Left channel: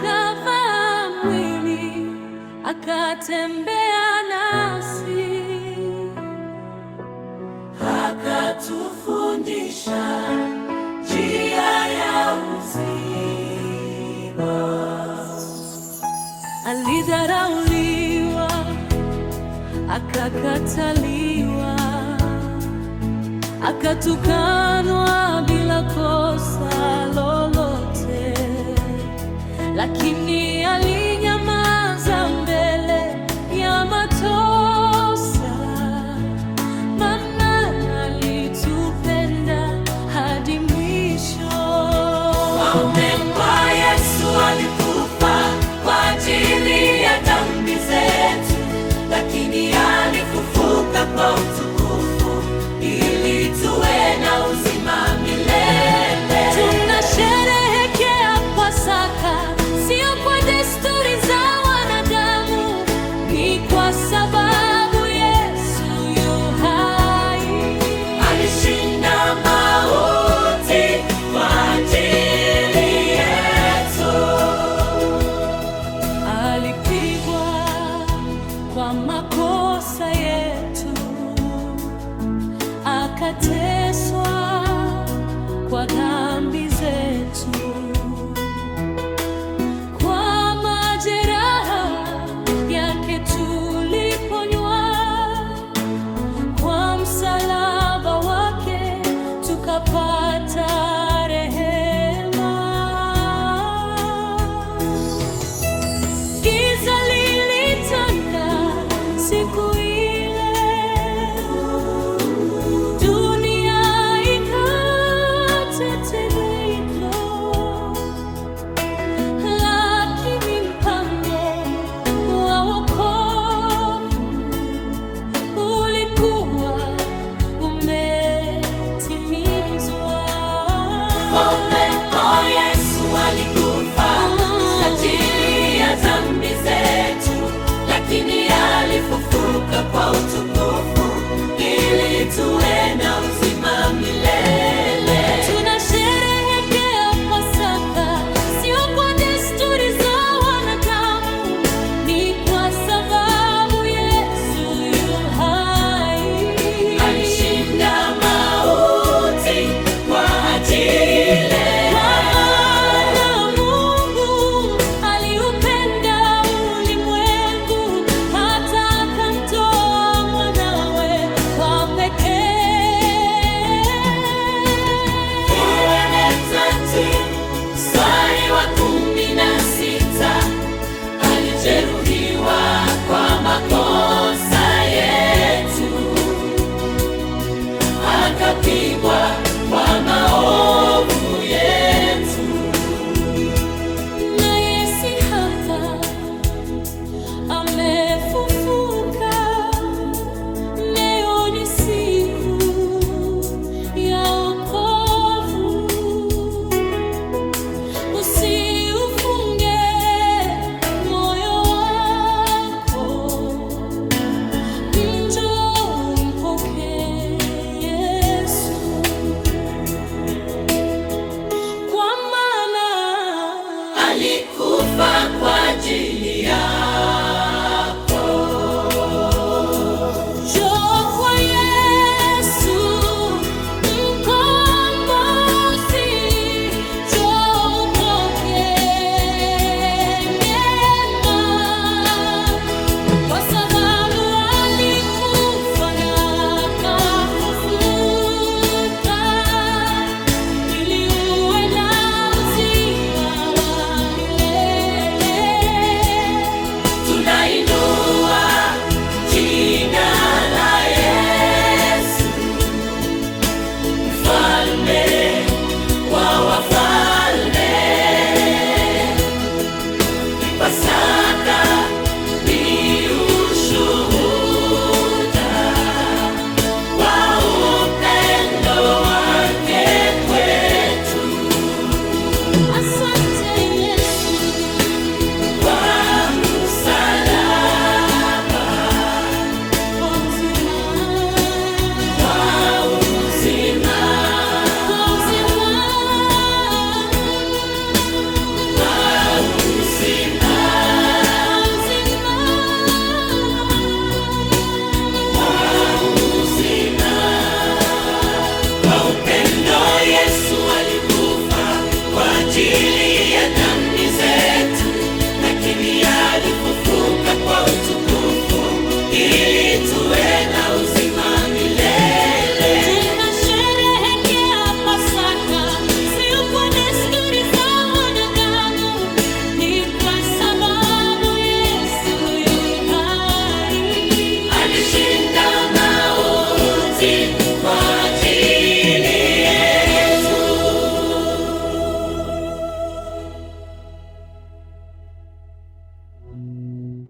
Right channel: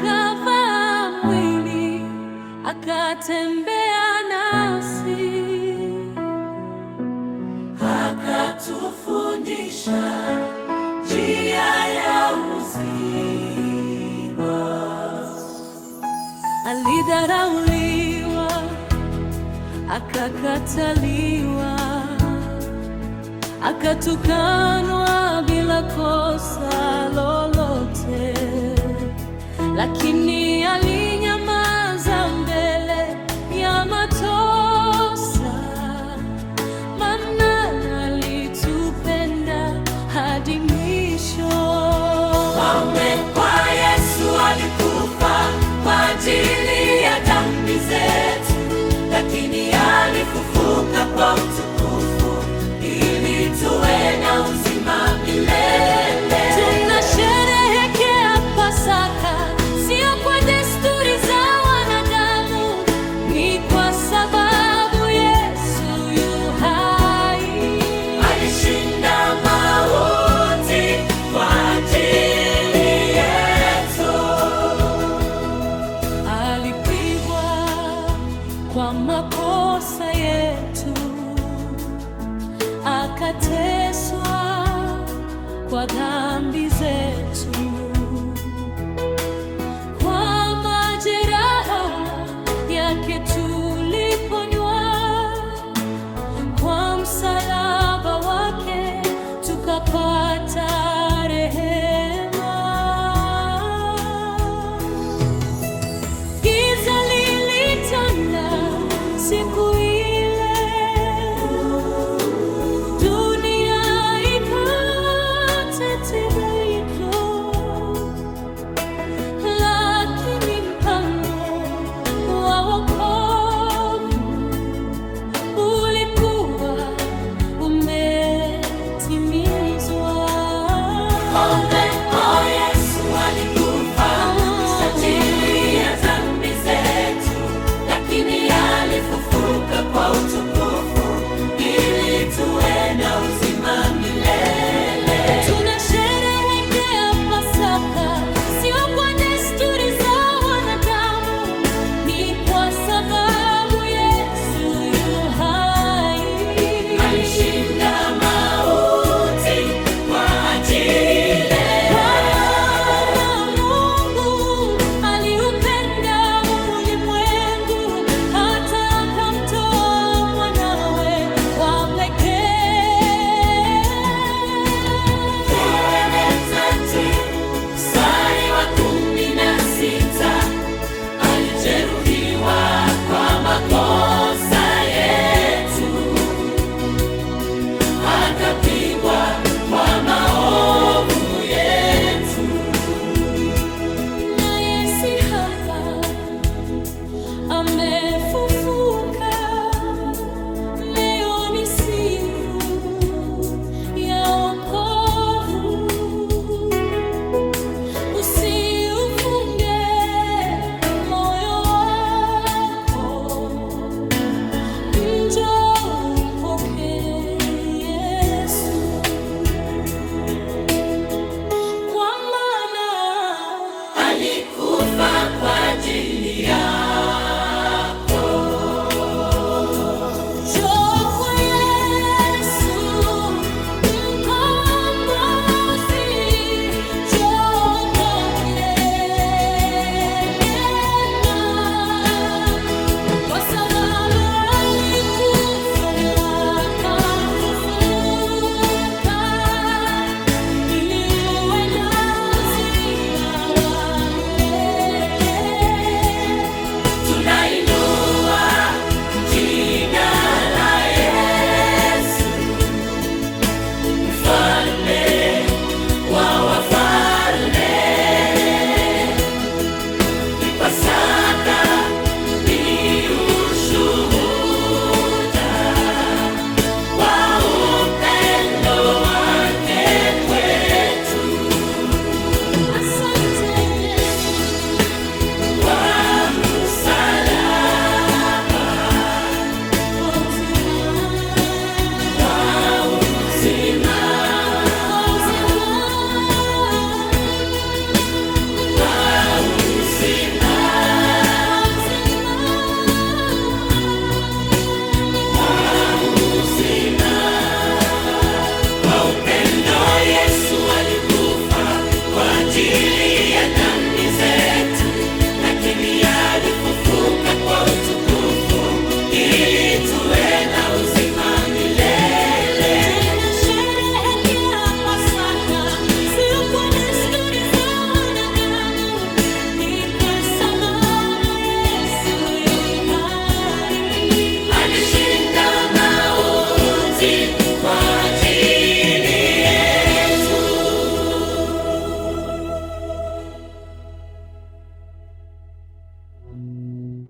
akavaa mwili, akatembea nasi, akatufundisha njia ya uzima. Alidharauliwa, akakataliwa, akatukanwa bila kosa lolote, lakini alinyamaza mbele ya matosa, maana alitupenda hadi mwisho. Kwa Yesu alikufa kwa ajili ya dhambi zetu, lakini alifufuka kwa utukufu ili tuwe na uzima milele. Tunasherehekea Pasaka sio kwa desturi za wanadamu, ni kwa sababu Yesu yu hai. Alishinda mauti kwa ajili yetu. Alipigwa kwa makosa yetu, akateswa kwa dhambi zetu. Kwa majeraha yake tuliponywa, kwa msalaba wake tukapata rehema. Giza lilitanda siku ile, dunia ikatetemeka, lakini mpango wa wokovu ulikuwa umetimizwa. Yesu alikufa kwa ajili ya dhambi zetu, lakini alifufuka kwa utukufu ili tuwe na uzima milele. Tunasherehekea Pasaka sio kwa desturi za wanadamu, ni kwa sababu Yesu yu hai. Alishinda mauti kwa ajili yetu. Kwa maana Mungu aliupenda ulimwengu hata akamtoa mwanawe wa pekee. Alijeruhiwa kwa makosa yetu, akapigwa kwa maovu yetu. Naye si hapa, amefufuka. Leo ni siku ya wokovu. Usiufunge moyo wako, njoo umpokee Yesu, kwa maana alikufa kwa ajili yako. Njoo kwa Yesu mkombozi, njoo upokee neema, kwa sababu alikufa na akafufuka ili uwe na uzima wa milele. Tunainua jina la Yesu. lakini alifufuka kwa utukufu.